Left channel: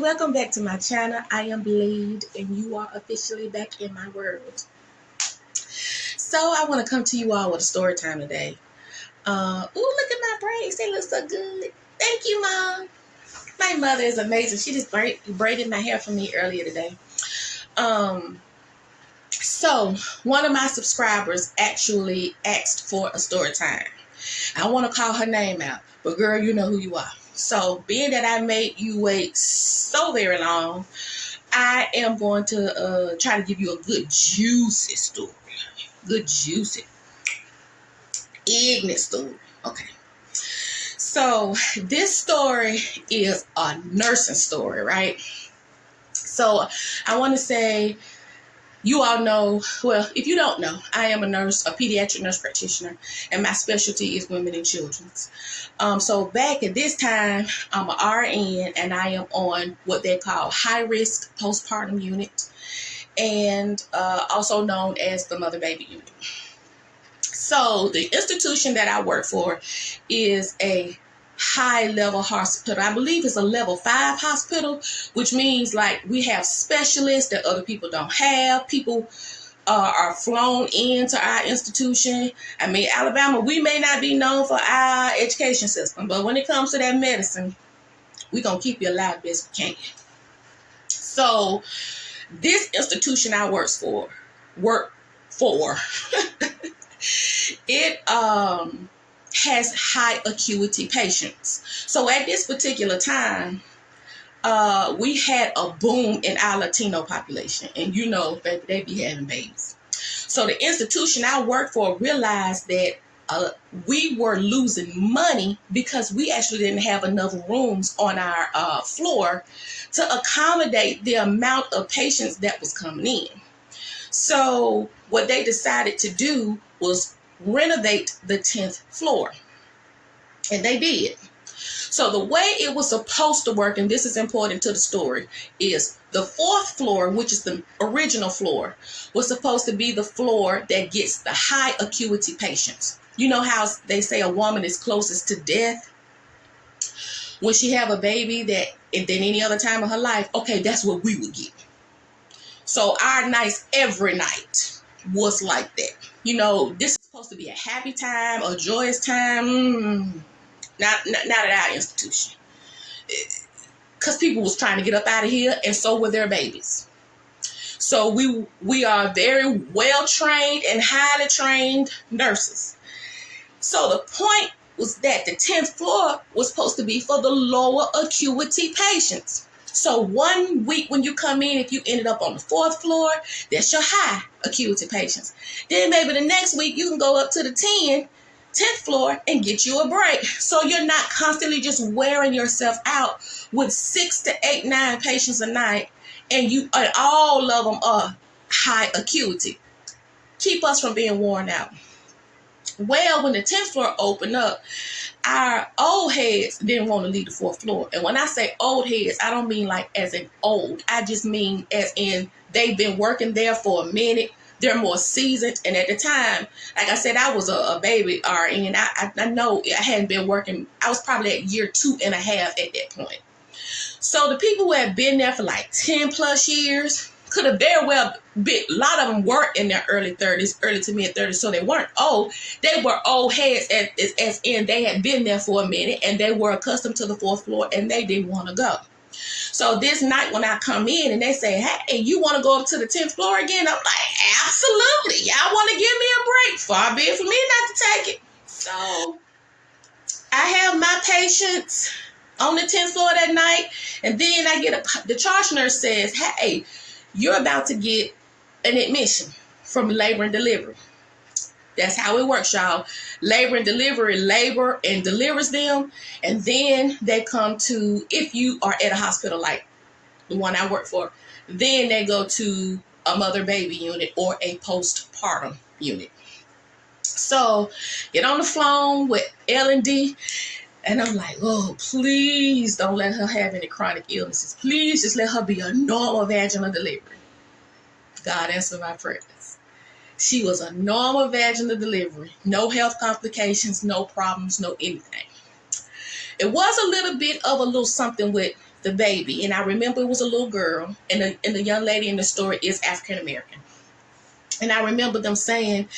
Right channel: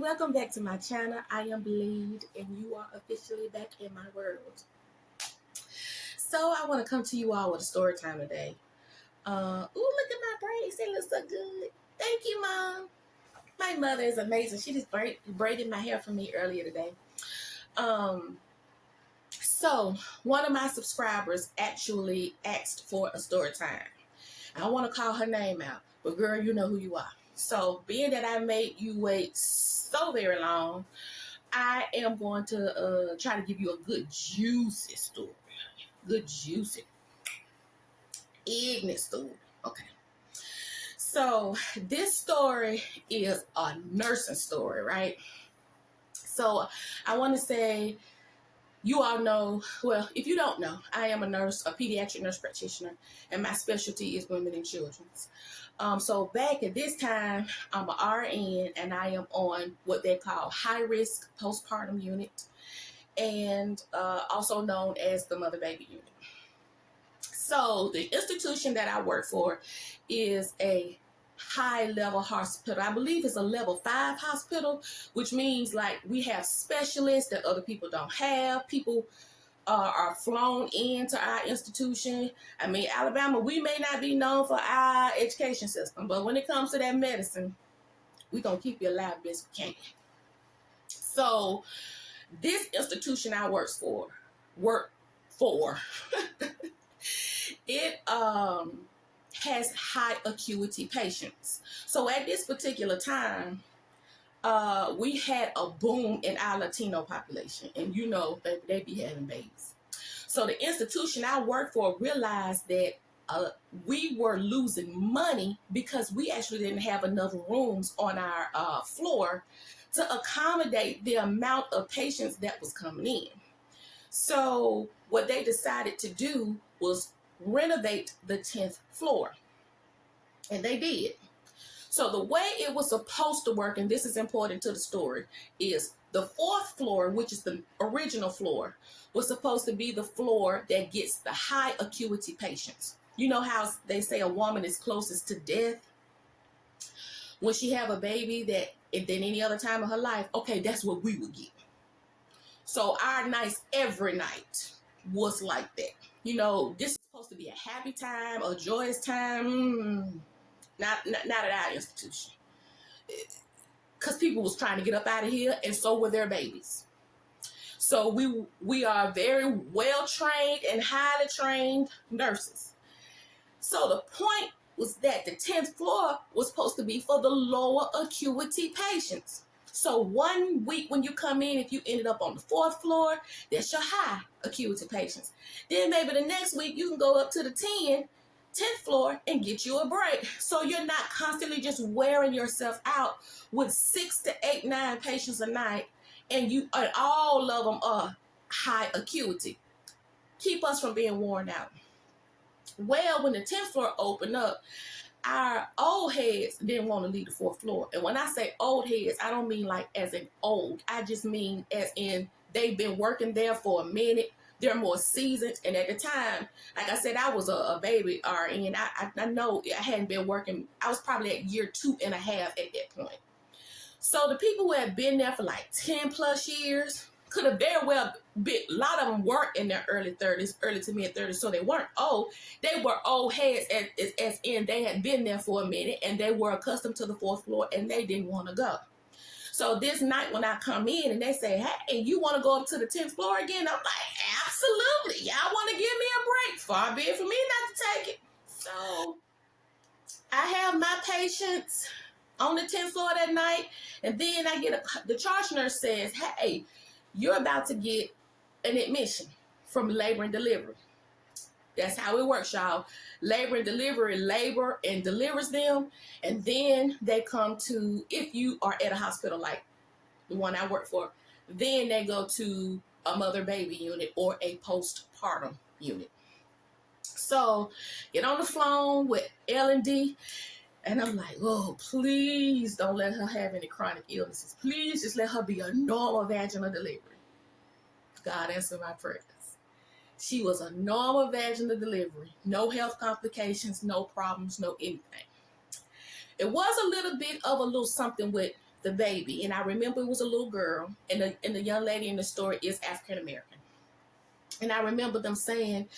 welcome back to my channel. I am Blade and you are officially back in my world. So I want to come to you all with a story time today. Look at my braids. They look so good. Thank you, Mom. My mother is amazing. She just braided my hair for me earlier today. So one of my subscribers actually asked for a story time. I want to call her name out, but girl, you know who you are. So being that I made you wait so very long, I am going to try to give you a good juicy story. Good juicy ignorant story. Okay. So this story is a nursing story, right? So I want to say, you all know, well, if you don't know, I am a nurse, a pediatric nurse practitioner, and my specialty is women and children's. So back at this time, I'm an RN, and I am on what they call high-risk postpartum unit, and also known as the mother-baby unit. So the institution that I work for is a high-level hospital. I believe it's a level 5 hospital, which means like we have specialists that other people don't have. People are flown into our institution. I mean, Alabama, we may not be known for our education system, but when it comes to that medicine, we're going to keep you alive best we can. So this institution I work for, it has high acuity patients. So at this particular time, we had a boom in our Latino population, and you know that they be having babies. So the institution I work for realized that we were losing money because we actually didn't have enough rooms on our floor to accommodate the amount of patients that was coming in. So what they decided to do was renovate the 10th floor. And they did. So the way it was supposed to work, and this is important to the story, is the 4th floor, which is the original floor, was supposed to be the floor that gets the high acuity patients. You know how they say a woman is closest to death when she have a baby than any other time of her life? Okay, that's what we would get. So our nights every night was like that. You know, this is supposed to be a happy time, a joyous time. Not at our institution. Because people was trying to get up out of here, and so were their babies. So we are very well trained and highly trained nurses. So the point was that the 10th floor was supposed to be for the lower acuity patients. So 1 week when you come in, if you ended up on the 4th floor, that's your high acuity patients. Then maybe the next week you can go up to the 10th floor and get you a break. So you're not constantly just wearing yourself out with 6 to 8, 9 patients a night, and all of them are high acuity. Keep us from being worn out. Well, when the 10th floor opened up, our old heads didn't want to leave the 4th floor. And when I say old heads, I don't mean like as in old. I just mean as in they've been working there for a minute. They're more seasoned. And at the time, like I said, I was a baby RN. I know I hadn't been working. I was probably at year 2.5 at that point. So the people who had been there for like 10 plus years could have very well been, a lot of them were in their early 30s, early to mid 30s, so they weren't old. They were old heads as in they had been there for a minute and they were accustomed to the 4th floor and they didn't want to go. So this night when I come in and they say, hey, you want to go up to the 10th floor again? I'm like, absolutely. Y'all want to give me a break? Far be it for me not to take it. So I have my patients on the 10th floor that night, and then I get the charge nurse says, hey, you're about to get an admission from labor and delivery. That's how it works, y'all. Labor and delivers them, and then they come to, if you are at a hospital like the one I work for, then they go to a mother-baby unit or a postpartum unit. So get on the phone with L&D, and I'm like, oh, please don't let her have any chronic illnesses. Please just let her be a normal vaginal delivery. God answered my prayers. She was a normal vaginal delivery. No health complications, no problems, no anything. It was a little bit of a little something with the baby, and I remember it was a little girl, and the young lady in the story is African American. And I remember them saying,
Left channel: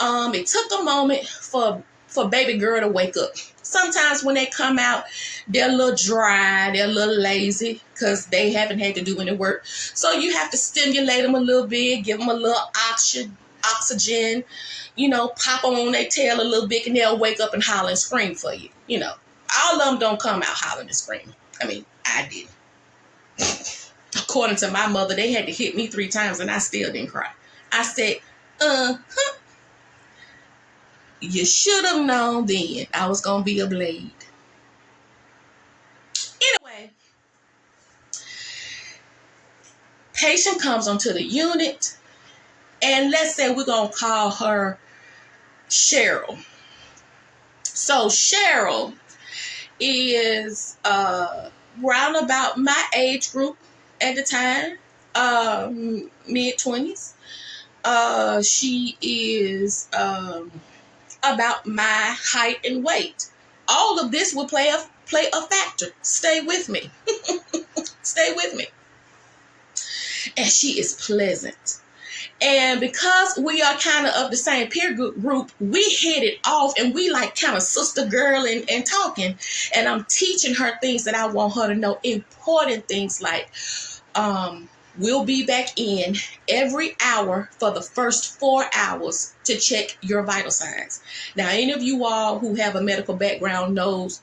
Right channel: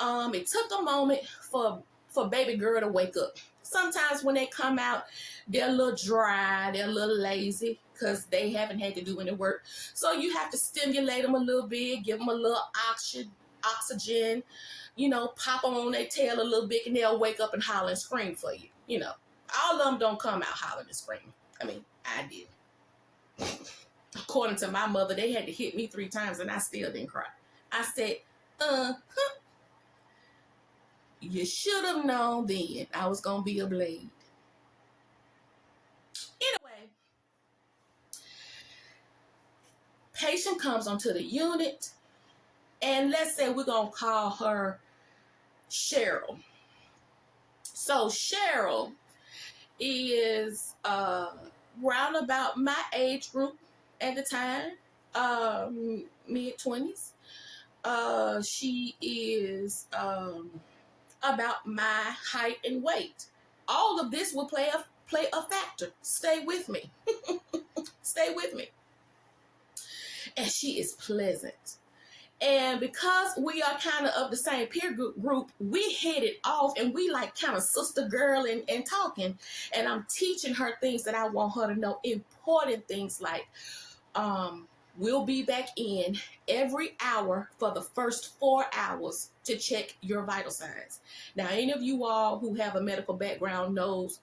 it took a moment for baby girl to wake up. Sometimes when they come out, they're a little dry, they're a little lazy because they haven't had to do any work. So you have to stimulate them a little bit, give them a little oxygen, pop them on their tail a little bit, and they'll wake up and holler and scream for you. All of them don't come out hollering and screaming. I mean, I did. According to my mother, they had to hit me 3 times and I still didn't cry. I said, you should have known then I was going to be a blade. Anyway, patient comes onto the unit, and let's say we're going to call her Cheryl. So Cheryl is round about my age group at the time, mid-20s. She is about my height and weight. All of this will play a factor. Stay with me. Stay with me. And she is pleasant. And because we are kind of the same peer group, we hit it off, and we like kind of sister girl and talking. And I'm teaching her things that I want her to know, important things like, we'll be back in every hour for the first 4 hours to check your vital signs. Now, any of you all who have a medical background knows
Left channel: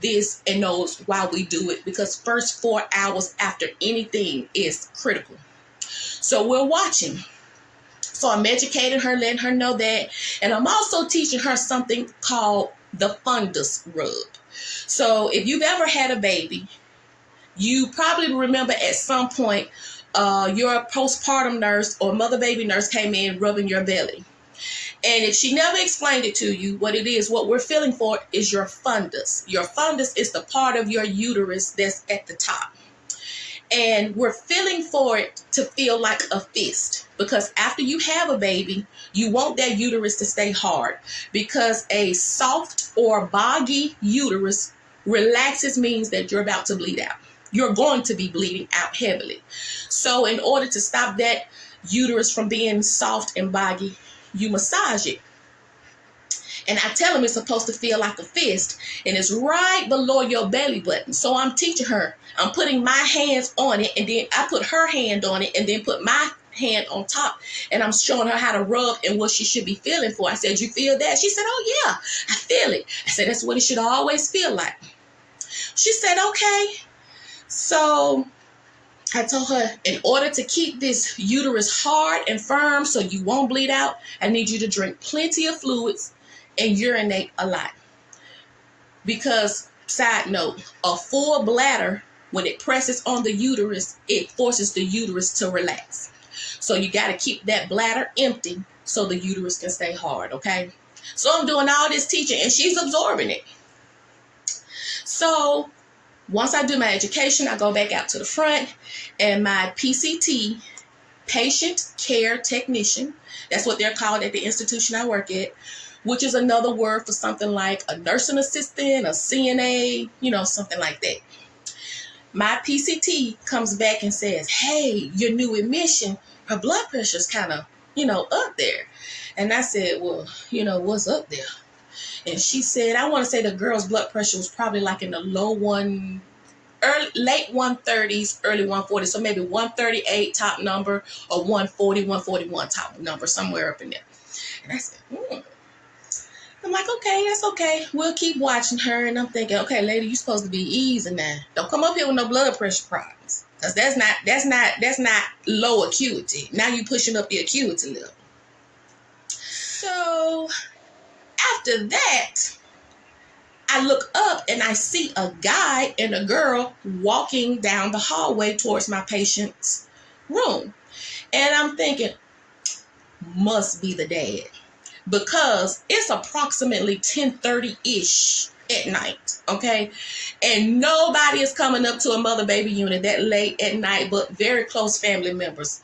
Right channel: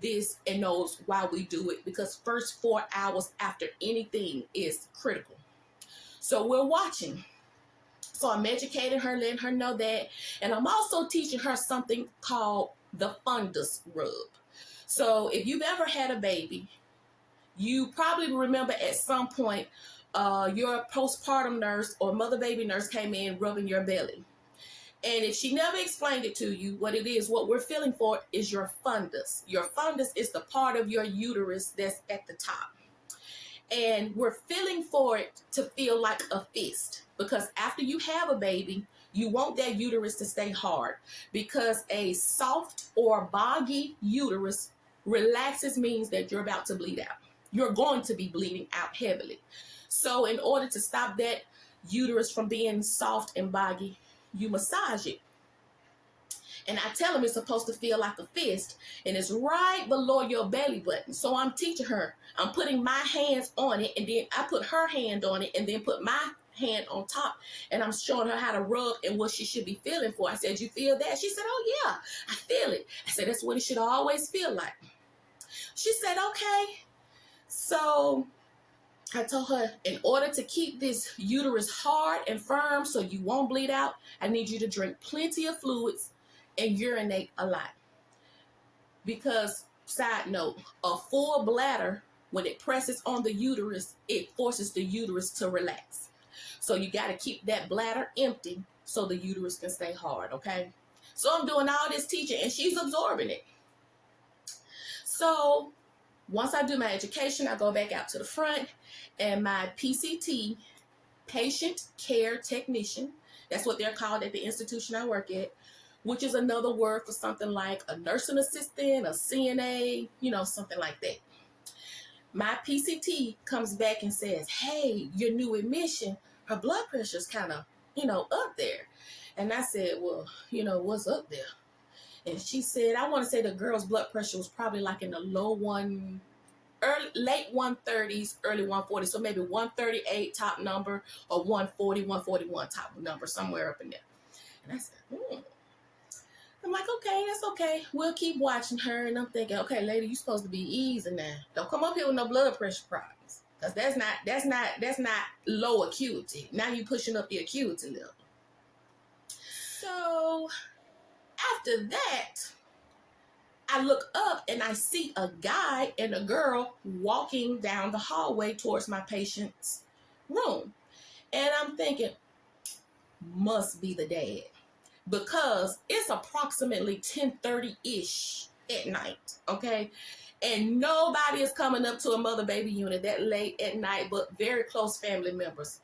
this and knows why we do it, because first 4 hours after anything is critical. So we're watching. So I'm educating her, letting her know that. And I'm also teaching her something called the fundus rub. So if you've ever had a baby, you probably remember at some point your postpartum nurse or mother baby nurse came in rubbing your belly. And if she never explained it to you, what it is, what we're feeling for is your fundus. Your fundus is the part of your uterus that's at the top. And we're feeling for it to feel like a fist, because after you have a baby, you want that uterus to stay hard, because a soft or boggy uterus relaxes means that you're about to bleed out. You're going to be bleeding out heavily. So in order to stop that uterus from being soft and boggy, you massage it. And I tell them it's supposed to feel like a fist, and it's right below your belly button. So I'm teaching her. I'm putting my hands on it, and then I put her hand on it, and then put my hand on top, and I'm showing her how to rub and what she should be feeling for. I said, you feel that? She said, oh yeah, I feel it. I said, that's what it should always feel like. She said, okay. So I told her, in order to keep this uterus hard and firm so you won't bleed out, I need you to drink plenty of fluids and urinate a lot. Because, side note, a full bladder, when it presses on the uterus, it forces the uterus to relax. So you got to keep that bladder empty so the uterus can stay hard, okay? So I'm doing all this teaching, and she's absorbing it. So once I do my education, I go back out to the front, and my PCT, patient care technician, that's what they're called at the institution I work at, which is another word for something like a nursing assistant, a CNA, something like that. My PCT comes back and says, hey, your new admission, her blood pressure's kind of, up there. And I said, well, what's up there? And she said, I want to say the girl's blood pressure was probably like in the late 130s, early 140s. So maybe 138 top number, or 140, 141 top number, somewhere up in there. And I said, I'm like, okay, that's okay. We'll keep watching her. And I'm thinking, okay, lady, you're supposed to be easy now. Don't come up here with no blood pressure problems. Because that's not low acuity. Now you're pushing up the acuity level. So after that, I look up and I see a guy and a girl walking down the hallway towards my patient's room. And I'm thinking, must be the dad. Because it's approximately 10:30-ish at night, okay? And nobody is coming up to a mother-baby unit that late at night but very close family members.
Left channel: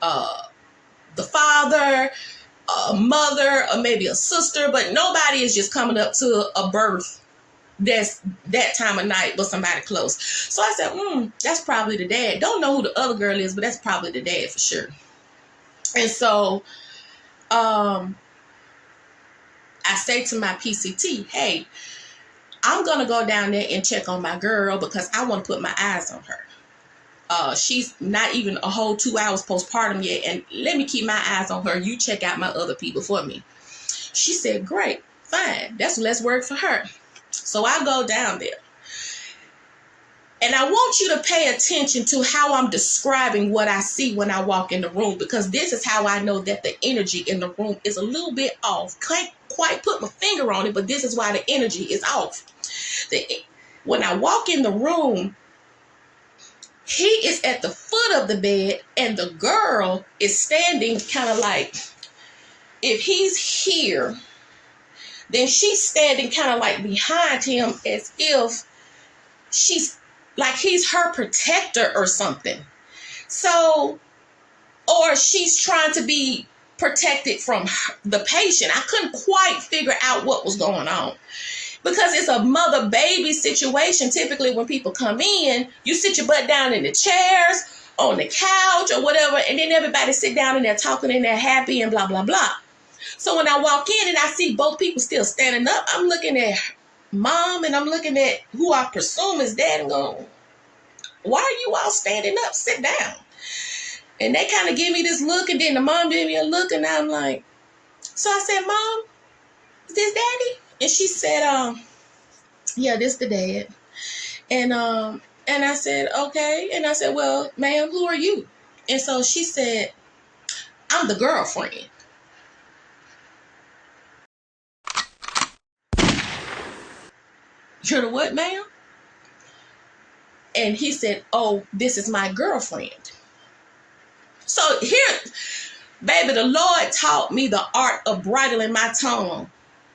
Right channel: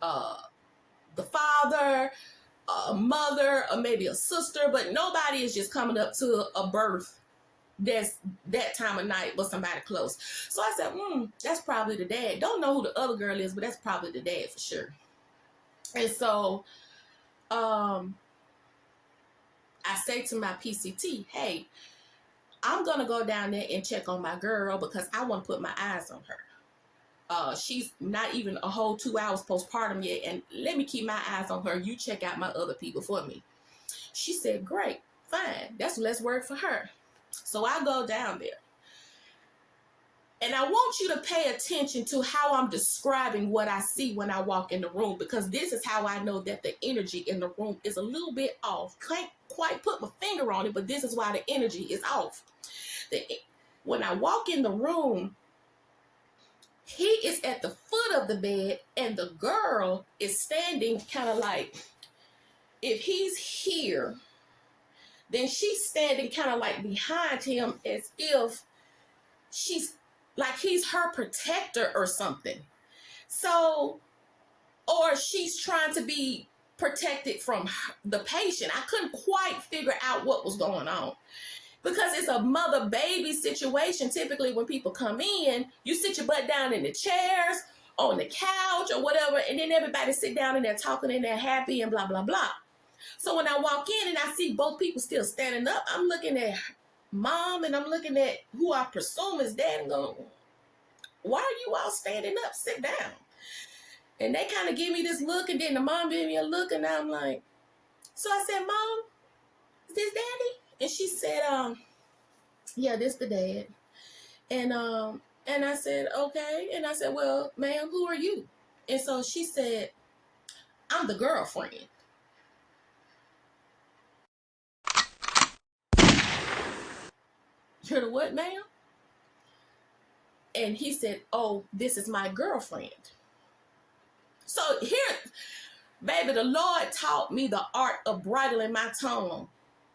The father, a mother, or maybe a sister, but nobody is just coming up to a birth that's that time of night with somebody close. So I said, that's probably the dad. Don't know who the other girl is, but that's probably the dad for sure. And so I say to my PCT, hey, I'm going to go down there and check on my girl because I want to put my eyes on her. She's not even a whole 2 hours postpartum yet, and let me keep my eyes on her. You check out my other people for me. She said, great, fine. That's less work for her. So I go down there. And I want you to pay attention to how I'm describing what I see when I walk in the room, because this is how I know that the energy in the room is a little bit off. Can't quite put my finger on it, but this is why the energy is off. When I walk in the room, he is at the foot of the bed and the girl is standing kind of like, if he's here, then she's standing kind of like behind him as if she's like he's her protector or something. So, or she's trying to be protected from the patient. I couldn't quite figure out what was going on. Because it's a mother-baby situation. Typically, when people come in, you sit your butt down in the chairs, on the couch, or whatever, and then everybody sit down and they're talking and they're happy and blah, blah, blah. So when I walk in and I see both people still standing up, I'm looking at mom and I'm looking at who I presume is dad and going, why are you all standing up? Sit down. And they kind of give me this look, and then the mom gave me a look, and I'm like, so I said, Mom, is this daddy? And she said, yeah, this the dad. And I said, okay. And I said, well, ma'am, who are you? And so she said, I'm the girlfriend. You're the what, ma'am? And he said, oh, this is my girlfriend. So here, baby, the Lord taught me the art of bridling my tongue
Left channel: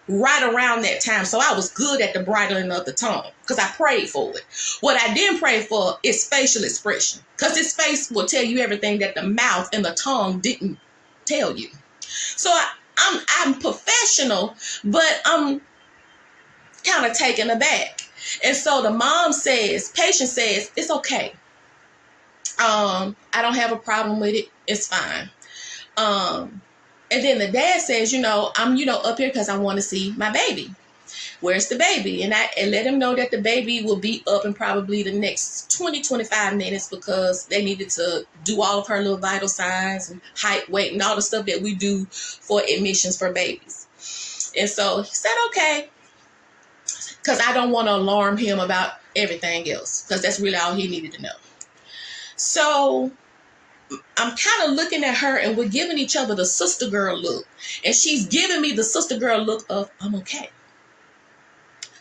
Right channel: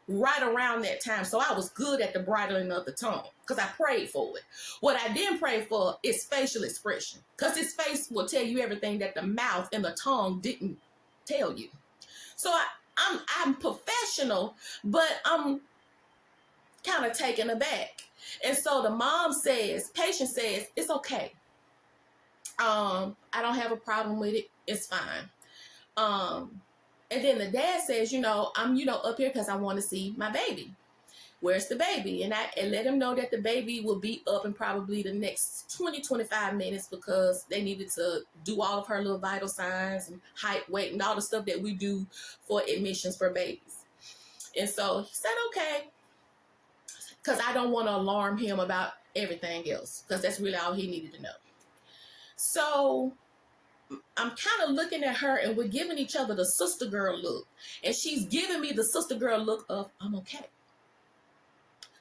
right around that time. So I was good at the bridling of the tongue because I prayed for it. What I didn't pray for is facial expression, because his face will tell you everything that the mouth and the tongue didn't tell you. So I'm professional, but I'm kind of taken aback. And so the mom says, patient says, it's okay. I don't have a problem with it. It's fine. And then the dad says, I'm, up here because I want to see my baby. Where's the baby? And I let him know that the baby will be up in probably the next 20-25 minutes because they needed to do all of her little vital signs and height, weight, and all the stuff that we do for admissions for babies. And so he said, okay, because I don't want to alarm him about everything else, because that's really all he needed to know. So I'm kind of looking at her, and we're giving each other the sister girl look. And she's giving me the sister girl look of, I'm okay.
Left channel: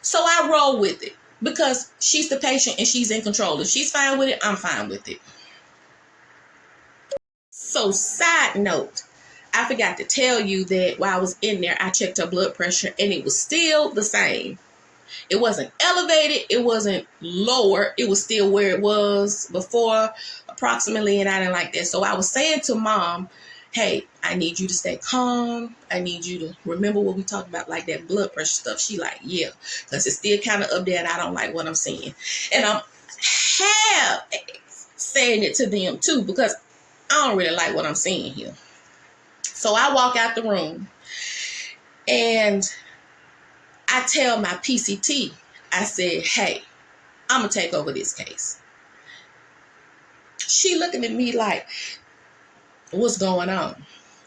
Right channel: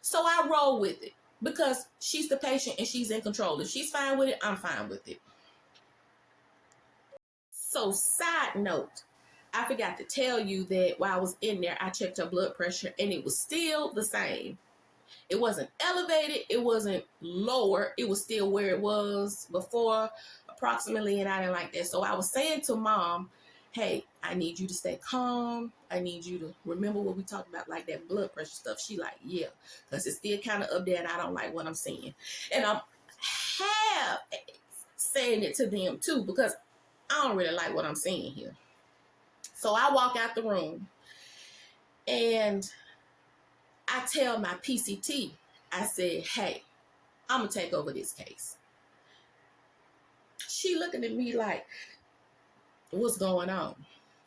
So I roll with it because she's the patient and she's in control. If she's fine with it, I'm fine with it. So side note, I forgot to tell you that while I was in there, I checked her blood pressure and it was still the same. It wasn't elevated. It wasn't lower. It was still where it was before approximately, and I didn't like that. So I was saying to mom, hey, I need you to stay calm. I need you to remember what we talked about, like that blood pressure stuff. She like, yeah, because it's still kind of up there and I don't like what I'm seeing. And I'm half saying it to them too because I don't really like what I'm seeing here. So I walk out the room and I tell my PCT, I said, hey, I'm going to take over this case. She looking at me like, what's going on?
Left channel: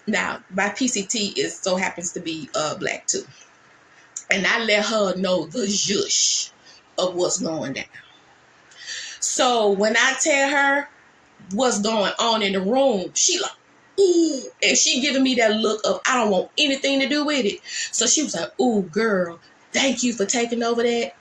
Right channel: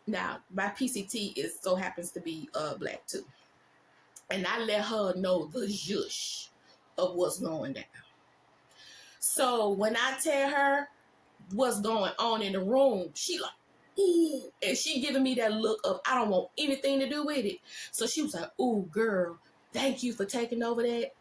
Now, my PCT so happens to be black too. And I let her know the zhush of what's going down. So when I tell her what's going on in the room, she like, ooh, and she giving me that look of, I don't want anything to do with it. So she was like, ooh, girl, thank you for taking over that.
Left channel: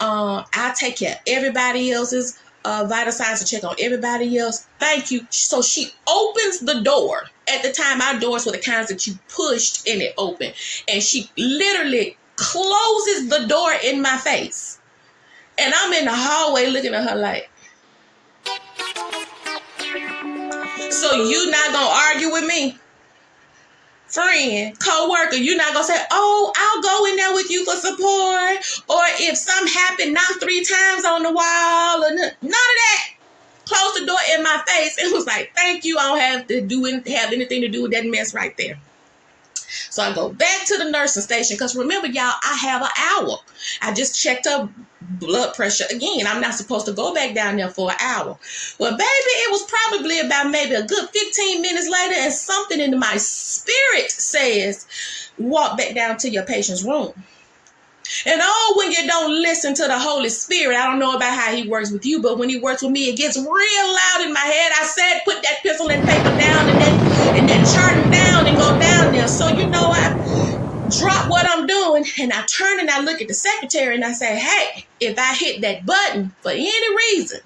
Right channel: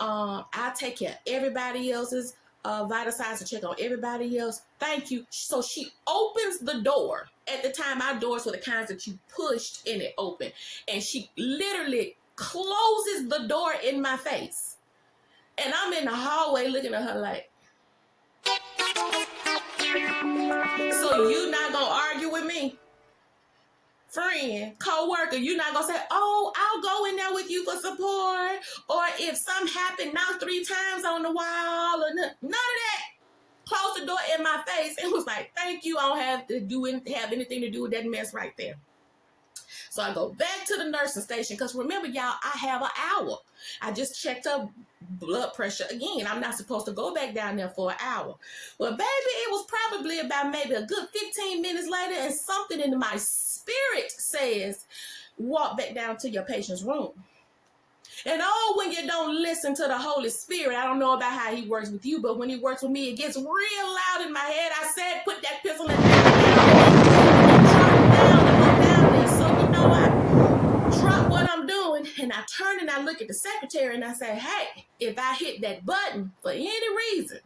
I'll take care of everybody else's vital signs and check on everybody else. Thank you. So she opens the door. At the time, our doors were the kinds that you pushed and it opened. And she literally closes the door in my face. And I'm in the hallway looking at her like, so you not gonna argue with me? friend, co-worker, you're not gonna say, oh, I'll go in there with you for support, or if something happened, knock 3 times on the wall, or none of that. Closed the door in my face and was like, thank you, I don't have anything to do with that mess right there. So I go back to the nursing station, because remember, y'all, I have an hour. I just checked her blood pressure again. I'm not supposed to go back down there for an hour. Well, baby, it was probably about maybe a good 15 minutes later, and something in my spirit says, walk back down to your patient's room. And when you don't listen to the Holy Spirit, I don't know about how he works with you, but when he works with me, it gets real loud in my head. I said, put that pencil and paper down and that chart down and go down there. So, I drop what I'm doing, and I turn and I look at the secretary and I say, hey, if I hit that button for any reason,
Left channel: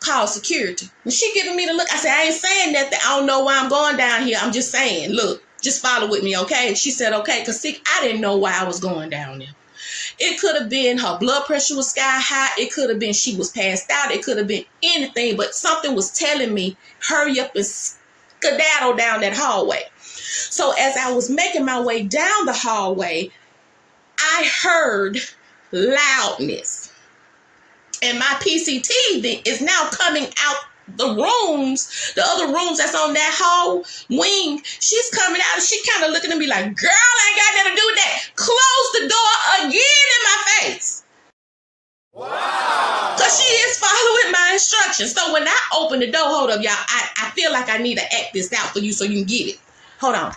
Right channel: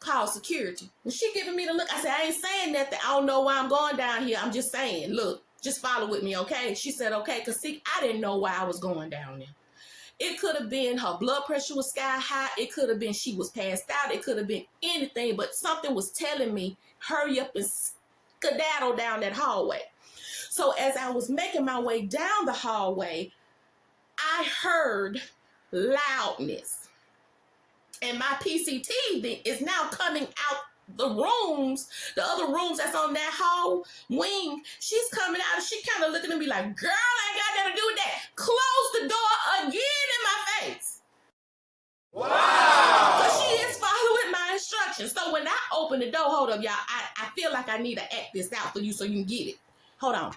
call security. And she giving me the look. I said, I ain't saying nothing. I don't know why I'm going down here. I'm just saying, look, just follow with me, okay? She said, okay, because see, I didn't know why I was going down there. It could have been her blood pressure was sky high. It could have been she was passed out. It could have been anything, but something was telling me, hurry up and skedaddle down that hallway. So as I was making my way down the hallway, I heard loudness. And my PCT is now coming out the rooms, the other rooms that's on that hall wing. She's coming out and she kind of looking at me like, girl, I ain't got nothing to do with that. Close the door again in my face. Wow. Because she is following my instructions. So when I open the door, hold up, y'all, I feel like I need to act this out for you so you can get it. Hold on.